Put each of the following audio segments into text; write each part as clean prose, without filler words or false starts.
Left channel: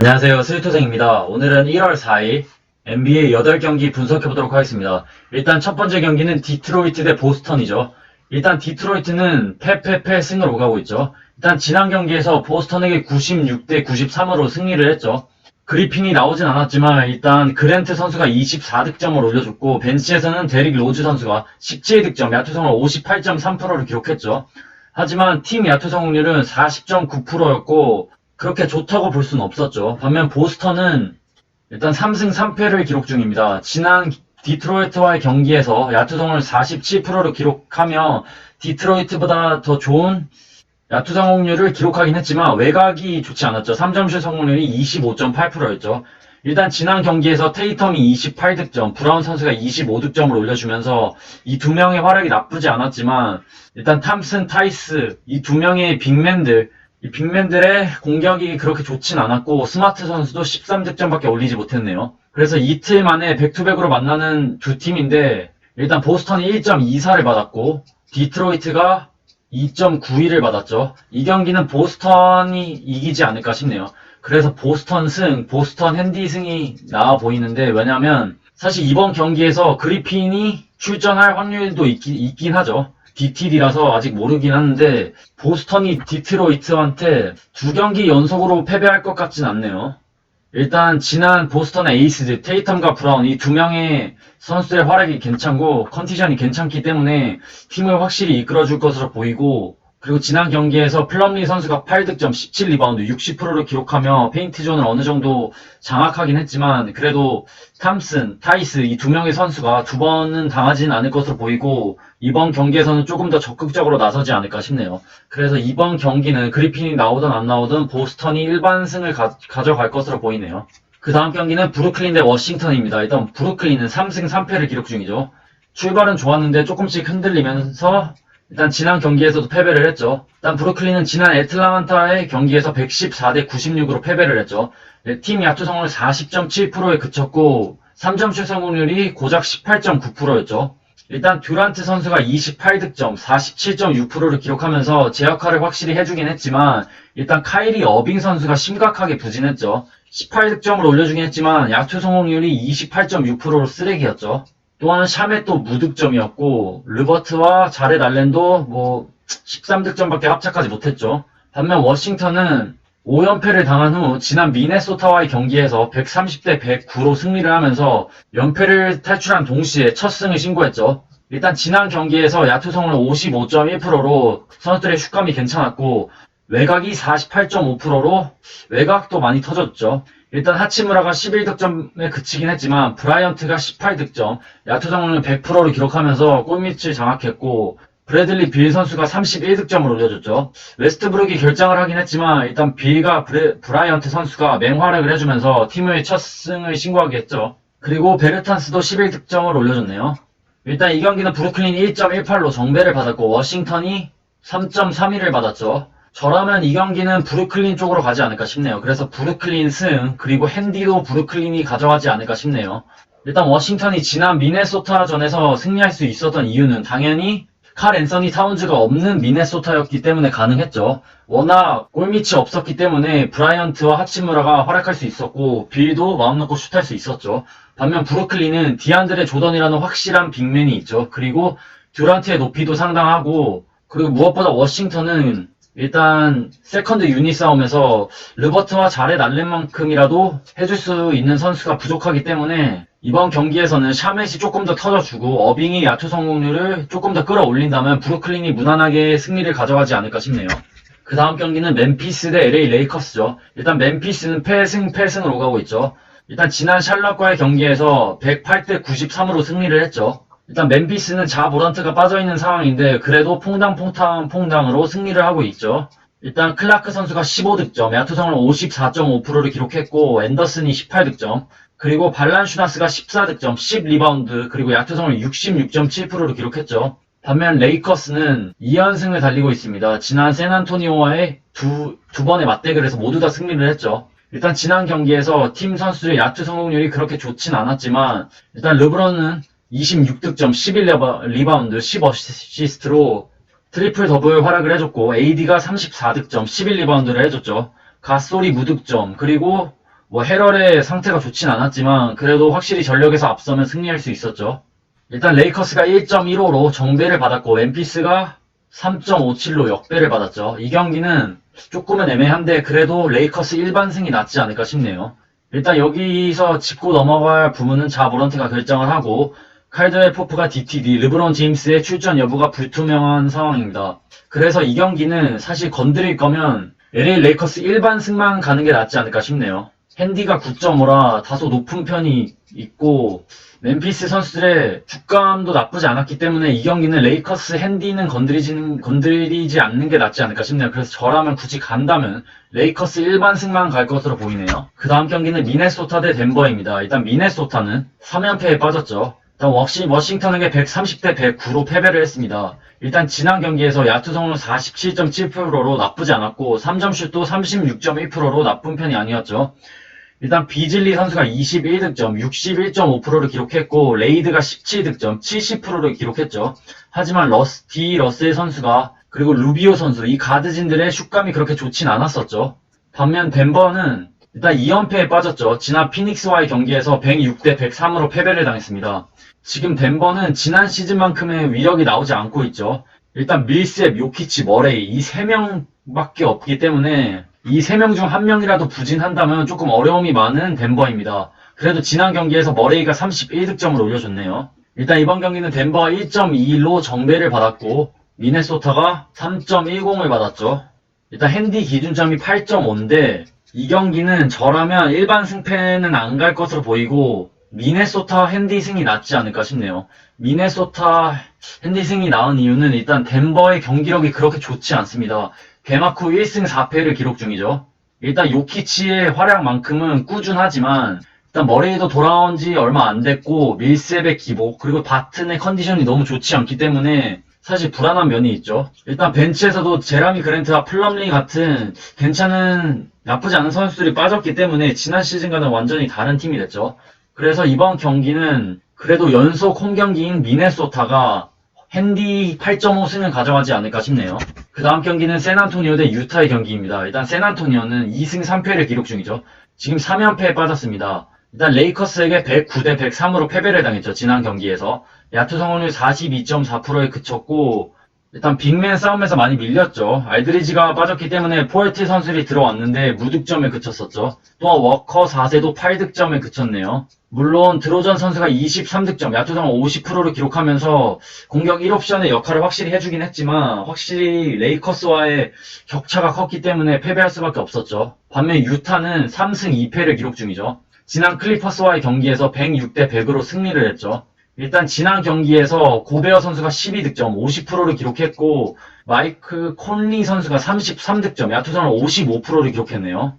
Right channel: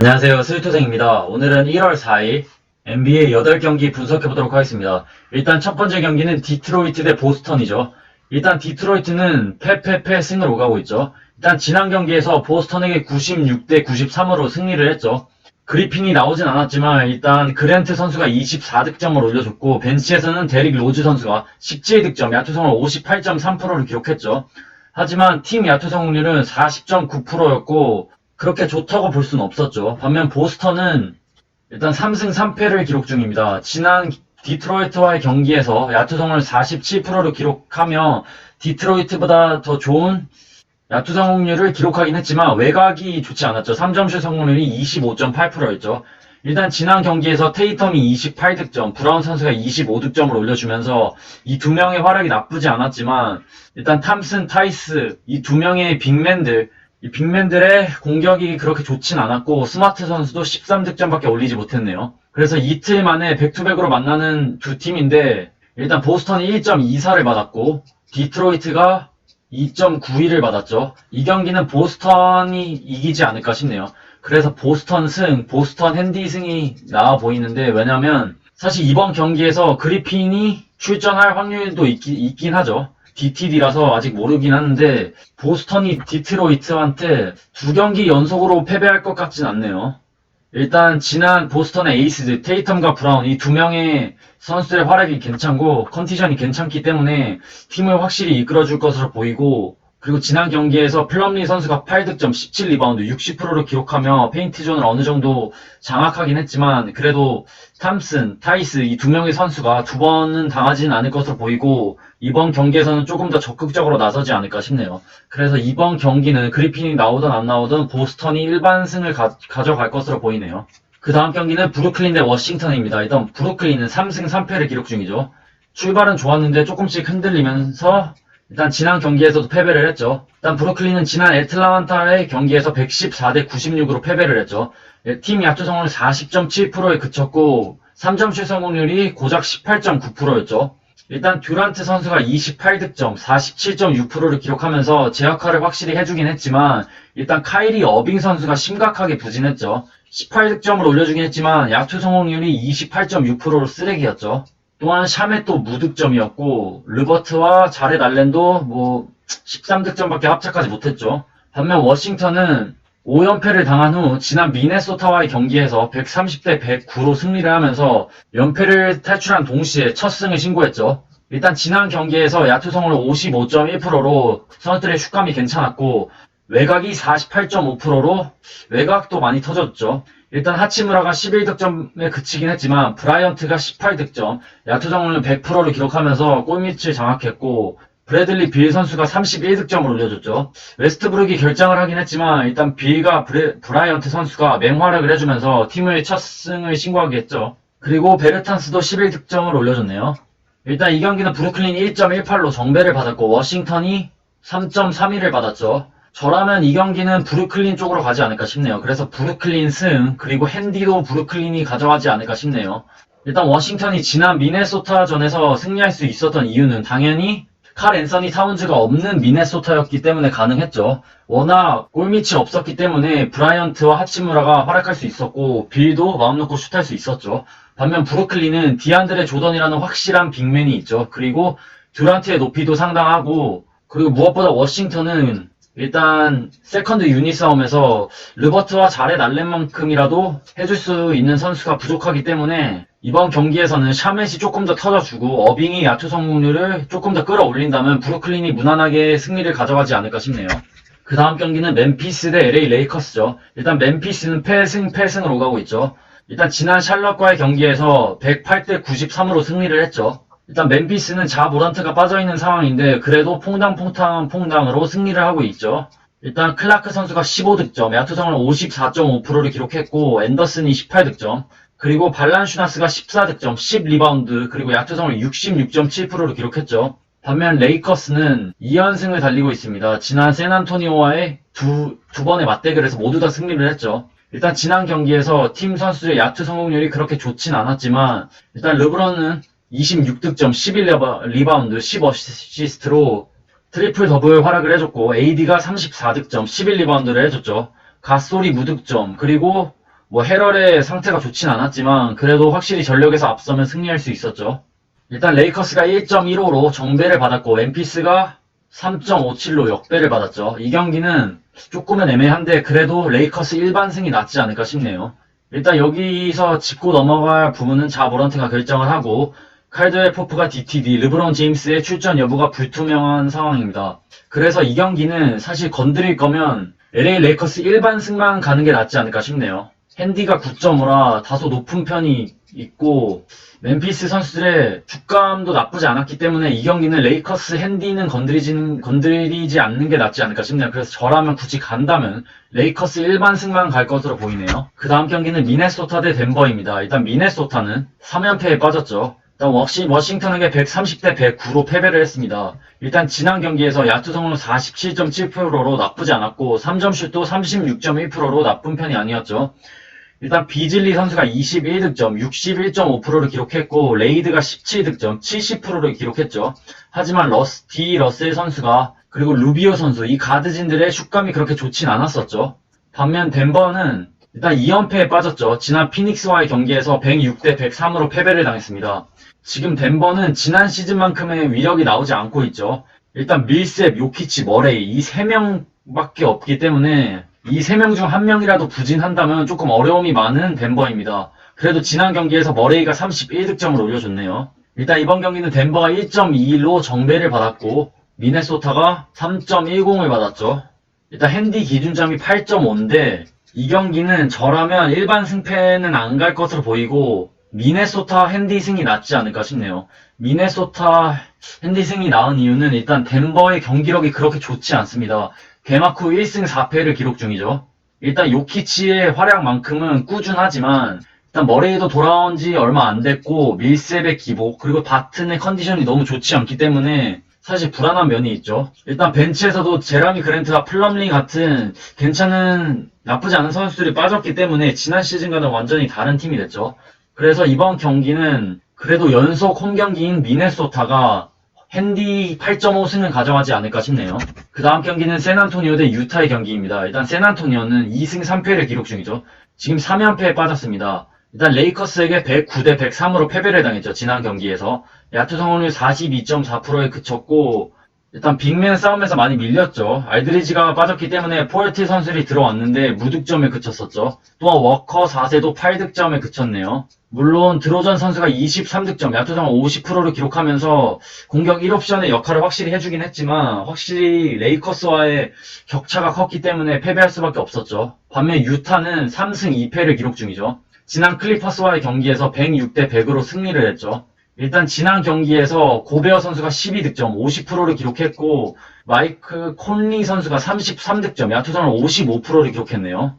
안녕하세요. 스위토생입니다. 오늘은 1월 4일 NBA 8경기 분석해보도록 하겠습니다. 일단 첫 번째 경기는 디트로이트 대 보스턴이죠. 일단 디트로이트는 패 승으로 가고 있죠. 일단 지난 경기에서 보스턴에게 96대 93으로 승리를 했죠. 그리핀이 나오진 않았지만 일단 그랜트 선수가 24득점을 올려줬고 벤치에서는 데릭 로즈 선수가 17득점, 야투성을 58.3%를 기록했죠. 하지만 팀 야투 성공률은 40.9%였고 그렇게 좋다고 볼 수는 없었죠. 반면 보스턴은 일단 3승 3패를 기록 중입니다. 지난 디트로이트와의 경기에서 야투 성공률 47%를 기록하며 디트로이트보다 더 좋은 야투 성공률을 기록하긴 했지만 외곽이 좋지 않았죠. 3점슛 성공률이 25.8%였죠. 일단 지난 경기에서 테이텀이 28득점, 브라운 선수가 25득점을 올려주면서 이 두 명의 활약이 나쁘지 않았지만 일단 탐슨, 타이스 이 두 명의 이 빅맨들의 공격이 그렇게 좋진 않았고 스마트 선수도 13득점밖에 올리지 못했네요. 그래서 이틀 만에 백투백으로 만나는 두 팀인데 일단 보스턴이 1.24를 받았고 디트로이트가 2.91을 받았죠. 이 경기는 보스턴이 이기지 않을까 싶네요. 그래서 보스턴 승, 보스턴 핸디 승이 나아 보이는데 왜냐면 사실 이번 경기에서 그리핀이 출전할 확률도 있긴 하죠. DTD라서 아직 모르긴 하는데 보스턴이 디트로이트한테 두 경기 연속으로 패배할 것 같진 않네요. 일단 지난 보스턴의 에이스들 테이텀과 브라운 이 두 명의 선수들의 활약이 괜찮고 컨디션이 괜찮기 때문에 팀을 확실히 이끌어줄 것으로 보이고 그리고 지난 경기에서 플럼리 선수가 8득점 17리바운드 60%를 기록하며 페인트 존을 어느 정도 장악하긴 했지만 그래도 탐슨, 타이스 이 두 명의 선수가 두 번은 당하지는 않을 것으로 보이고 이번 경기에서는 조금 더 적극적으로 나서지 않을까 싶네요. 그래서 이번 경기는 그리핀이 나오든 안 나오든 보스턴이 일반승을 가져갈 것으로 보이네요. 그 다음 경기는 브루클린 대 워싱턴입니다. 일단 브루클린은 3승 3패를 기록 중이죠. 출발은 좋았는데 조금씩 흔들리면서 일단 지난 경기에서도 패배를 했죠. 일단 브루클린은 지난 애틀란타의 경기에서 114대 96으로 패배를 했죠. 팀 야투 성공률 40.7%에 그쳤고 3점슛 성공률이 고작 18.9%였죠. 일단 듀란트 선수가 28득점, 47.6%를 기록하면서 제 역할을 확실히 해주긴 했지만 일단 카이리 어빙 선수가 심각하게 부진했죠. 18득점을 올려주긴 했지만 야투 성공률이 28.6%로 쓰레기였죠. 또한 샤멧도 무득점이었고 르버트와 자렛 알렌도 13득점밖에 합작하지 못했죠. 반면 워싱턴은 5연패를 당한 후 지난 미네소타와의 경기에서 130대 109로 승리를 하면서 연패를 탈출한 동시에 첫 승을 신고했죠. 일단 지난 경기에서 야투 성공률 55.1%로 선수들의 슛감이 괜찮았고 외곽이 48.5%로 외곽도 많이 터졌죠. 일단 하치무라가 11득점에 그치긴 했지만 브라이언트가 18득점, 야투 성공률 100%를 기록하면서 골밑을 장악했고 브래들리 빌 선수가 31득점을 올려줬죠. 웨스트브룩이 결장을 하긴 했지만 일단 빌과 브라이언트 선수가 맹활약을 해주면서 팀의 첫 승을 신고하게 했죠. 그리고 베르탄스도 11득점을 올려줬네요. 일단 이 경기는 브루클린 1.18로 정배를 받았고 워싱턴이 3.31을 받았죠. 저라면 이 경기는 브루클린 쪽으로 가지 않을까 싶네요. 그래서 브루클린 승, 그리고 핸디도 브루클린이 가져가지 않을까 싶네요. 일단 워싱턴이 지난 미네소타전에서 승리할 수 있었던 이유는 당연히 칼 앤서니 타운즈가 없는 미네소타였기 때문에 가능했죠. 워낙 골밑이 없었기 때문에 브라이언트와 하치무라가 활약할 수 있었고 빌도 마음 놓고 슛할 수 있었죠. 반면 브루클린은 디안드레 조던이라는 확실한 빅맨이 있죠. 그리고 듀란트의 높이도 상당하고 그리고 무엇보다 워싱턴은 일단 세컨드 유닛 싸움에서 르버트와 자렛 알렌만큼이라도 해줄 수 있는 선수가 부족하기 때문에 이번 경기에서는 샤멧이 조금 더 터져주고 어빙이 야투 성공률을 조금 더 끌어올린다면 브루클린이 무난하게 승리를 가져가지 않을까 싶네요. 그 다음 경기는 멤피스 대 LA 레이커스죠. 일단 멤피스는 패승으로 가고 있죠. 일단 지난 샬럿과의 경기에서 108대 93으로 승리를 했죠. 일단 멤피스는 자모란트가 빠져있는 상황인데 그래도 퐁당으로 승리를 하고 있죠. 일단 클라크 선수가 15득점, 야투성을 54.5%를 기록했고 앤더슨이 18득점, 그리고 발란슈나스가 14득점, 10리바운드, 그리고 야투성을 66.7%를 기록했죠. 반면 레이커스는 2연승을 달리고 있습니다. 지난 샌안토니오와의 두 번의 맞대결에서 모두 다 승리를 했죠. 일단 지난 경기에서 팀 선수들의 야투 성공률이 그렇게 좋진 않았지만 일단 르브론은 26득점, 11리바운드, 10어시스트로 트리플 더블 활약을 해줬고 AD가 34득점, 11리바운드를 해줬죠. 가솔이 무득점, 그리고 뭐 헤럴의 상태가 좋진 않았지만 그래도 확실히 전력에서 앞서면 승리할 수 있었죠. 일단 레이커스가 1.15로 정배를 받았고 멤피스가 3.57로 역배를 받았죠. 이 경기는 조금은 애매한데 그래도 레이커스 일반승이 낫지 않을까 싶네요. 일단 여기서 짚고 넘어갈 부분은 자모란트가 결정을 하고 칼드웰 포프가 DTD, 르브론 제임스의 출전 여부가 불투명한 상황입니다. 그래서 이 경기는 사실 건드릴 거면 LA 레이커스 일반승만 가는 게 낫지 않을까 싶네요. 핸디가 9.5라 다소 높은 편이 있고 멤피스 선수들의 축감도 나쁘지 않았기 때문에 이 경기는 레이커스 핸디는 건드리지 않는 게 낫지 않을까 싶네요. 그래서 저라면 굳이 간다면 레이커스 일반승만 갈 것으로 보이네요. 그 다음 경기는 미네소타 대 덴버입니다. 일단 미네소타는 3연패에 빠졌죠. 일단 워싱턴에게 130대 109로 패배를 했습니다. 일단 지난 경기에서 야투 성공 47.7%로 나쁘지 않았고 3점슛도 36.1%로 나쁜 편이 아니었죠. 일단 비즐리 선수가 21득점, 61.5%를 기록했고 레이드가 17득점, 70%를 기록했죠. 하지만 러셀 선수가 그리고 루비오 선수, 이 가드진들의 슛감이 그렇게 좋진 않았었죠. 반면 덴버는 일단 2연패에 빠졌죠. 지난 피닉스와의 경기에서 106대 103으로 패배를 당했습니다. 지금 덴버는 지난 시즌만큼의 위력이 나오지 않고 있죠. 일단 밀셉, 요키치, 머레이 이 3명밖에 없기 때문에 이 3명 중 1명이라도 부진한다면 조금 어려움이 많은 덴버입니다. 그래도 지난 경기에서 머레이가 31득점을 올려줬네요. 일단 이번 경기는 덴버가 1.21로 정배를 받았고 미네소타가 3.10을 받았죠. 일단 핸디 기준점이 8.5인데 이 경기는 저라면 일반 승패는 안 갈 것으로 보이고 미네소타 핸디 승이 낫지 않을까 싶네요. 미네소타 핸디 승이 나은 이유는 일단 덴버의 경기력이 그렇게 좋지 않습니다. 개막 후 1승 4패를 기록 중이죠. 일단 요키치의 활약만큼은 꾸준하지만 일단 머레이도 돌아온 지 얼마 안 됐고 밀셉의 기복 그리고 바튼의 컨디션이 너무 좋지 않기 때문에 사실 불안한 면이 있죠. 일단 벤치에서도 제라미 그랜트와 플럼리 같은 괜찮은 나쁘지 않은 선수들이 빠졌기 때문에 지난 시즌과는 완전히 다른 팀이 됐죠. 그래서 이번 경기는 그래도 연속 홈경기인 미네소타가 핸디 8.5승을 가져가지 않을까 싶네요. 그 다음 경기는 샌안토니오 대 유타의 경기입니다. 일단 샌안토니오는 2승 3패를 기록 중이죠. 지금 3연패에 빠졌습니다. 일단 레이커스에게 109대 103으로 패배를 당했죠. 지난 경기에서. 야투 성공률 42.4%에 그쳤고 일단 빅맨 싸움에서 많이 밀렸죠. 알드리지가 빠졌기 때문에 포엘티 선수들이 들어왔는데 무득점에 그쳤었죠. 또한 워커 4세도 8득점에 그쳤네요. 물론 드로전 선수가 23득점, 야투 성공 50%를 기록하면서 공격 1옵션의 역할을 확실히 해주긴 했지만 확실히 레이커스와의 격차가 컸기 때문에 패배할 수밖에 없었죠. 반면 유타는 3승 2패를 기록 중이죠. 지난 클리퍼스와의 경기에서 106대 100으로 승리를 했죠. 일단 지난 경기에서 고베어 선수가 12득점, 50%를 기록했고 마이크 콘리 선수가 33득점, 야투성을 55%를 기록했네요.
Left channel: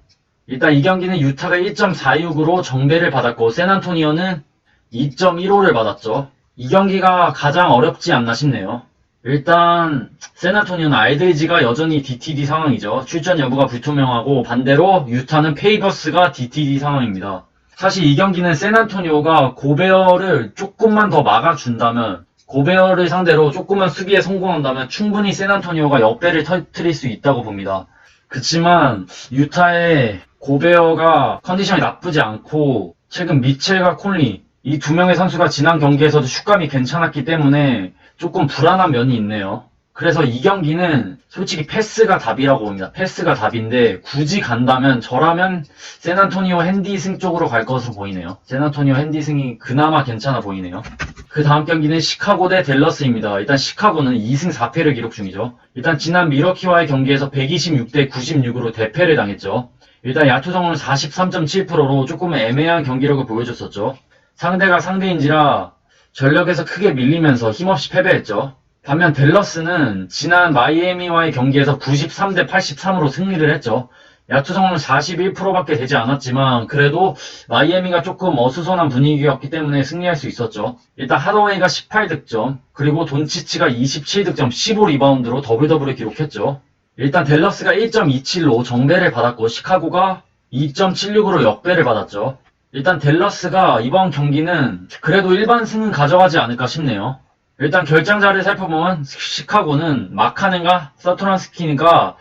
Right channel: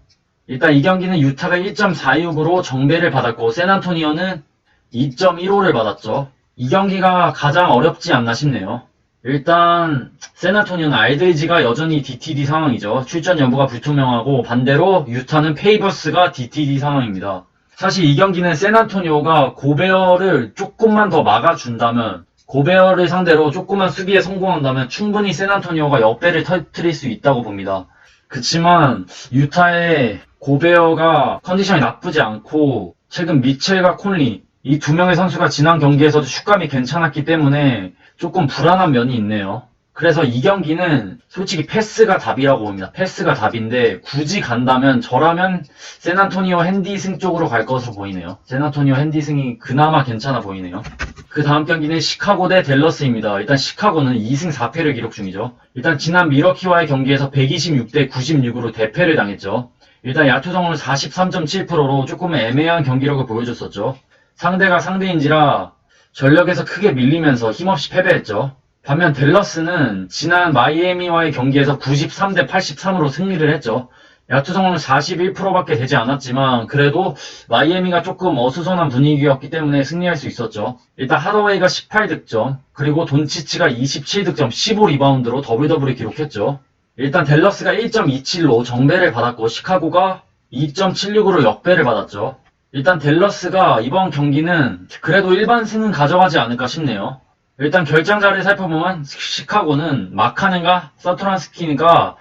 일단 이 경기는 유타가 1.46으로 정배를 받았고 샌안토니오는 2.15를 받았죠. 이 경기가 가장 어렵지 않나 싶네요. 일단 샌안토니오는 알드리지가 여전히 DTD 상황이죠. 출전 여부가 불투명하고 반대로 유타는 페이버스가 DTD 상황입니다. 사실 이 경기는 샌안토니오가 고베어를 조금만 더 막아준다면 고베어를 상대로 조금만 수비에 성공한다면 충분히 샌안토니오가 역배를 터뜨릴 수 있다고 봅니다. 그치만 유타의 고베어가 컨디션이 나쁘지 않고 최근 미첼과 콘리 이 두 명의 선수가 지난 경기에서도 슛감이 괜찮았기 때문에 조금 불안한 면이 있네요. 그래서 이 경기는 솔직히 패스가 답이라고 봅니다. 패스가 답인데 굳이 간다면 저라면 샌안토니오 핸디승 쪽으로 갈 것으로 보이네요. 샌안토니오 핸디승이 그나마 괜찮아 보이네요. 그 다음 경기는 시카고 대 댈러스입니다. 일단 시카고는 2승 4패를 기록 중이죠. 일단 지난 미러키와의 경기에서 126대 96으로 대패를 당했죠. 일단 야투 성공률 43.7%로 조금 애매한 경기력을 보여줬었죠. 상대가 상대인지라 전력에서 크게 밀리면서 힘없이 패배했죠. 반면 댈러스는 지난 마이애미와의 경기에서 93대 83으로 승리를 했죠. 야투 성공률 41%밖에 되지 않았지만 그래도 마이애미가 조금 어수선한 분위기였기 때문에 승리할 수 있었죠. 일단 하더웨이가 18득점 그리고 돈치치가 27득점 15리바운드로 더블더블을 기록했죠. 일단 댈러스가 1.27로 정배를 받았고 시카고가 2.76으로 역배를 받았죠. 일단 댈러스가 이번 경기는 그래도 일반 승은 가져가지 않을까 싶네요. 일단 결장자를 살펴보면 시카고는 마카넨과 사토란스키가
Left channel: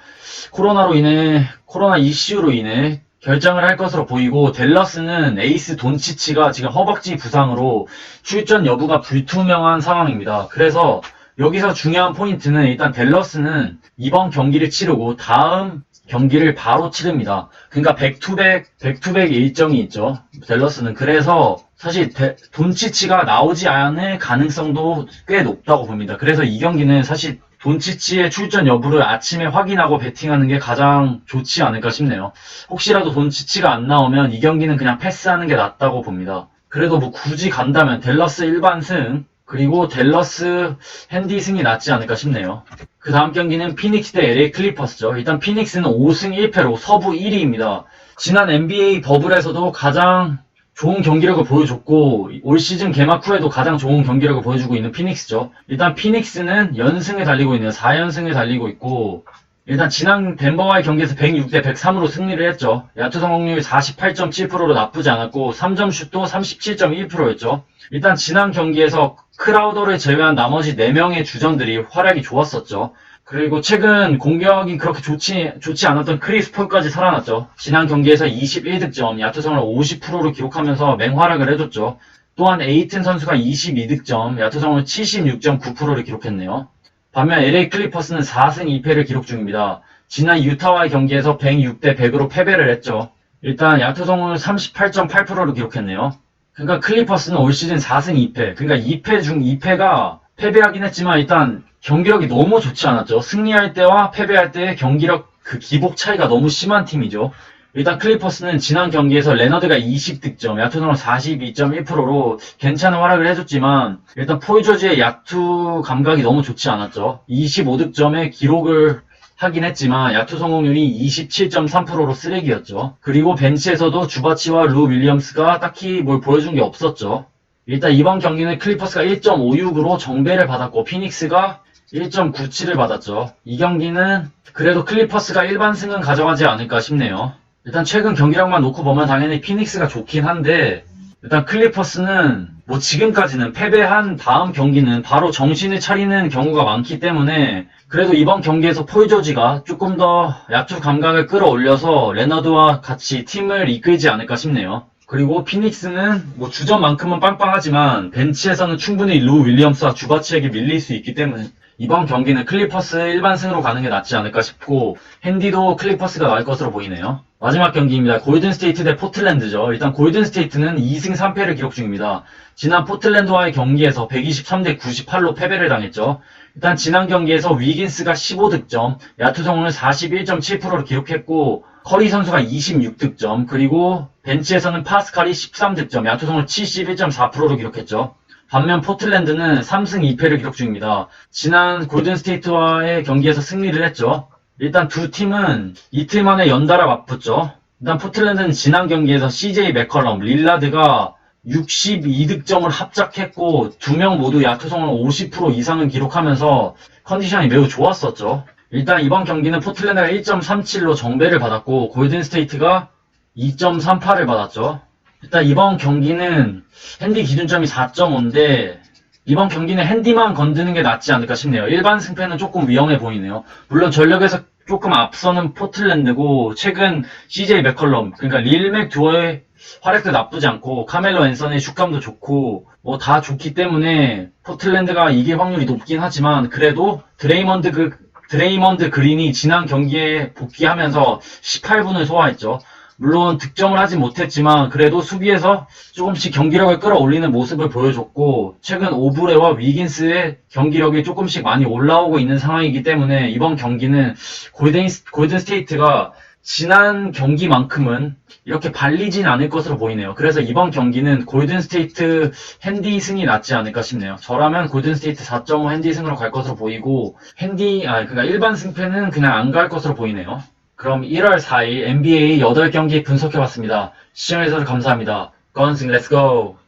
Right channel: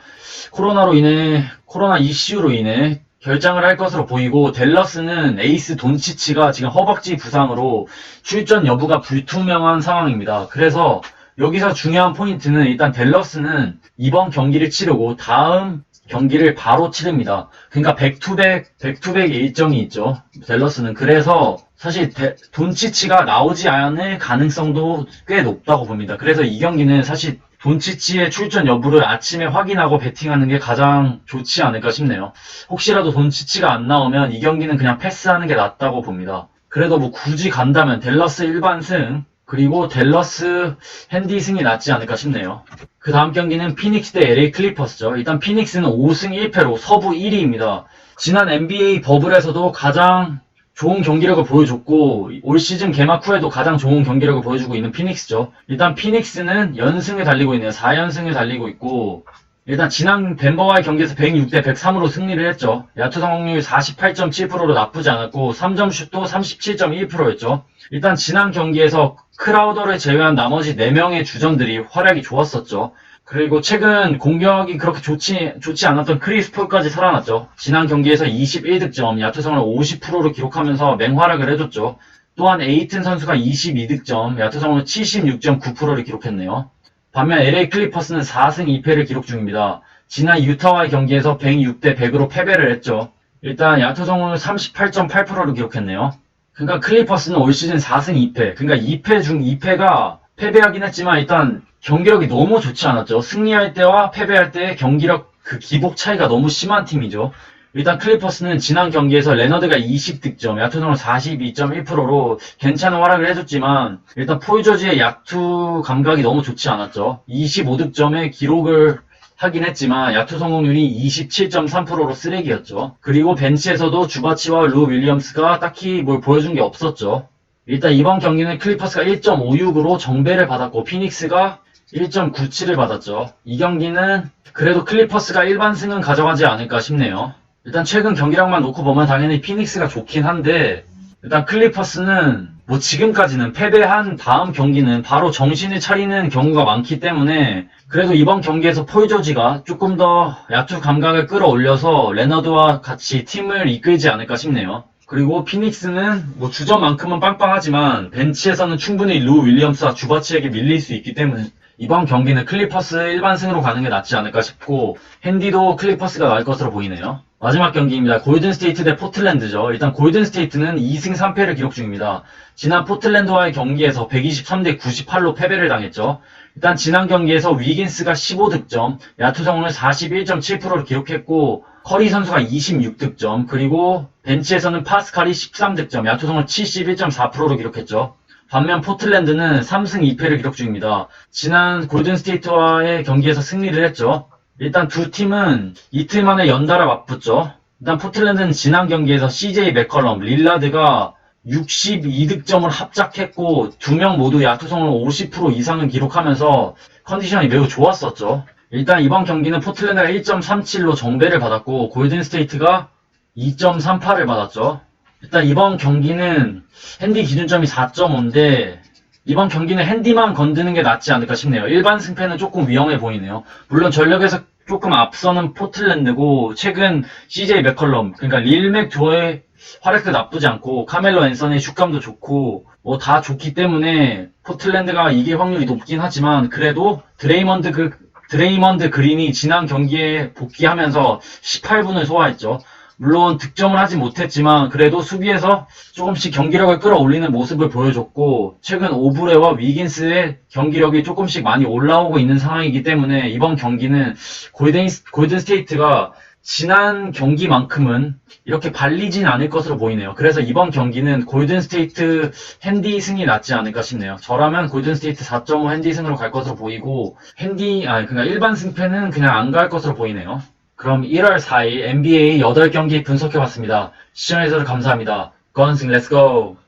코로나 이슈로 인해 결장을 할 것으로 보이고, 댈러스는 에이스 돈치치가 지금 허벅지 부상으로 출전 여부가 불투명한 상황입니다. 그래서 여기서 중요한 포인트는 일단 댈러스는 이번 경기를 치르고 다음 경기를 바로 치릅니다. 그러니까 백투백 일정이 있죠. 댈러스는. 그래서 사실 돈치치가 나오지 않을 가능성도 꽤 높다고 봅니다. 그래서 이 경기는 사실 돈치치의 출전 여부를 아침에 확인하고 베팅하는 게 가장 좋지 않을까 싶네요. 혹시라도 돈치치가 안 나오면 이 경기는 그냥 패스하는 게 낫다고 봅니다. 그래도 뭐 굳이 간다면 댈러스 일반승 그리고 댈러스 핸디승이 낫지 않을까 싶네요. 그 다음 경기는 피닉스 대 LA 클리퍼스죠. 일단 피닉스는 5승 1패로 서부 1위입니다. 지난 NBA 버블에서도 가장 좋은 경기력을 보여줬고 올 시즌 개막 후에도 가장 좋은 경기력을 보여주고 있는 피닉스죠. 일단 피닉스는 연승에 달리고 있네요. 4연승에 달리고 있고 일단 지난 덴버와의 경기에서 106대 103으로 승리를 했죠. 야투 성공률 48.7%로 나쁘지 않았고 3점 슛도 37.1%였죠. 일단 지난 경기에서 크라우더를 제외한 나머지 4명의 주전들이 활약이 좋았었죠. 그리고 최근 공격이 그렇게 좋지 않았던 크리스 폴까지 살아났죠. 지난 경기에서 21득점, 야투 성공률 50%를 기록하면서 맹활약을 해줬죠. 또한 에이튼 선수가 22득점, 야투 성공률 76.9%를 기록했네요. 반면 LA 클리퍼스는 4승 2패를 기록 중입니다. 지난 유타와의 경기에서 106대 100으로 패배를 했죠. 일단 야투 성공률 38.8%를 기록했네요. 그러니까 클리퍼스는 올 시즌 4승 2패. 그러니까 2패 중 2패가 패배하긴 했지만 일단 경기력이 너무 좋지 않았죠. 승리할 때와 패배할 때의 경기력 그 기복 차이가 너무 심한 팀이죠. 일단 클리퍼스는 지난 경기에서 레너드가 20득점, 야투 성공률 42.1%로 괜찮은 활약을 해줬지만 일단 폴 조지의 야투 감각이 너무 좋지 않았죠. 25득점의 기록을 하긴 했지만 야투 성공률이 27.3%로 쓰레기였죠. 그리고 벤치에서도 주바치와 루 윌리엄스가 딱히 뭘 보여준 게 없었죠. 일단 이번 경기는 클리퍼스가 1.56으로 정배를 받았고 피닉스가 1.97을 받았죠. 이 경기는 그래도 클리퍼스가 일반승은 가져가지 않을까 싶네요. 일단 최근 경기력만 놓고 보면 당연히 피닉스가 좋긴 한데 일단 클리퍼스는 뭐 지금까지는 패배한 다음 경기는 바로 정신을 차리는 경우가 많기 때문에 그래도 이번 경기에서 폴 조지가 조금 더 야투 감각을 끌어올려서 레너드와 같이 팀을 이끌지 않을까 싶네요. 그리고 피닉스는 뭐 주전만큼은 빵빵하지만 벤치에서는 충분히 루 윌리엄스와 주바치에게 밀릴 수 있기 때문에 이번 경기는 클리퍼스 일반승으로 가는 게 낫지 않을까 싶고 핸디도 클리퍼스가 나을 것으로 보이네요. 마지막 경기입니다. 골든스테이트 대 포틀랜드죠. 일단 골든스테이트는 2승 3패를 기록 중입니다. 지난 포틀랜드와의 경기에서 123대 98로 패배를 당했죠. 일단 지난 경기에서 위긴스가 15득점, 야투 성공률 41.7%를 기록했고 커리 선수가 26득점, 그리고 벤치에서는 파스칼이 13득점, 야투 성공률 71.4%를 기록했죠. 반면 포틀랜드는 3승 2패를 기록 중입니다. 지난 골든스테이트와의 경기에서 승리를 했죠. 일단 두 팀은 이틀 만에 연달아 맞붙죠. 일단 포틀랜드는 지난 경기에서 CJ 맥컬럼, 릴라드가 62득점을 합작했고 두 명 모두 야투 성공률 50% 이상을 기록하면서 컨디션이 매우 좋았었죠. 일단 이번 경기는 포틀랜드가 1.37로 정배를 받았고 골든스테이트가 2.38을 받았죠. 일단 이번 경기는 핸디 기준점이 4.5인데 이번 경기는 핸디만 건드는 게 낫지 않을까 싶네요. 일반 승패는 조금 위험해 보이네요. 물론 전력에서 조금 앞서는 포틀랜드고 최근 CJ 맥컬럼 그러니까 릴맥 두어의 활약도 나쁘지 않고 카멜로 앤서니의 슛감도 좋고 뭐 다 좋기 때문에 포틀랜드가 이길 확률이 높긴 하지만 그래도 드레이먼드 그린이 지난 경기에 복귀하면서 18분을 소화했죠. 물론 득점을 하지 못했지만 그래도 수비에서 조금씩 경기력을 끌어올리는 모습을 보여줬고 최근 오브레와 위긴스의 경기력이 조금씩 많이 올라오고 있는 상황이기 때문에 이번 경기는 골든스테이트가 지난 경기만큼은 이렇게 발리진 않을 것으로 보이네요. 그래서 이번 경기는 골든스테이트 핸디 승이 낫지 않을까 싶네요. 저라면 골든스테이트 4.5 핸디 승으로 갈 것으로 보이고 그러니까 일반 승패는 그냥 안 갈 것으로 보이네요. 그럼 1월 4일 NBA 8경기 분석해봤습니다. 시청해주셔서 감사합니다. 건승 렛츠고!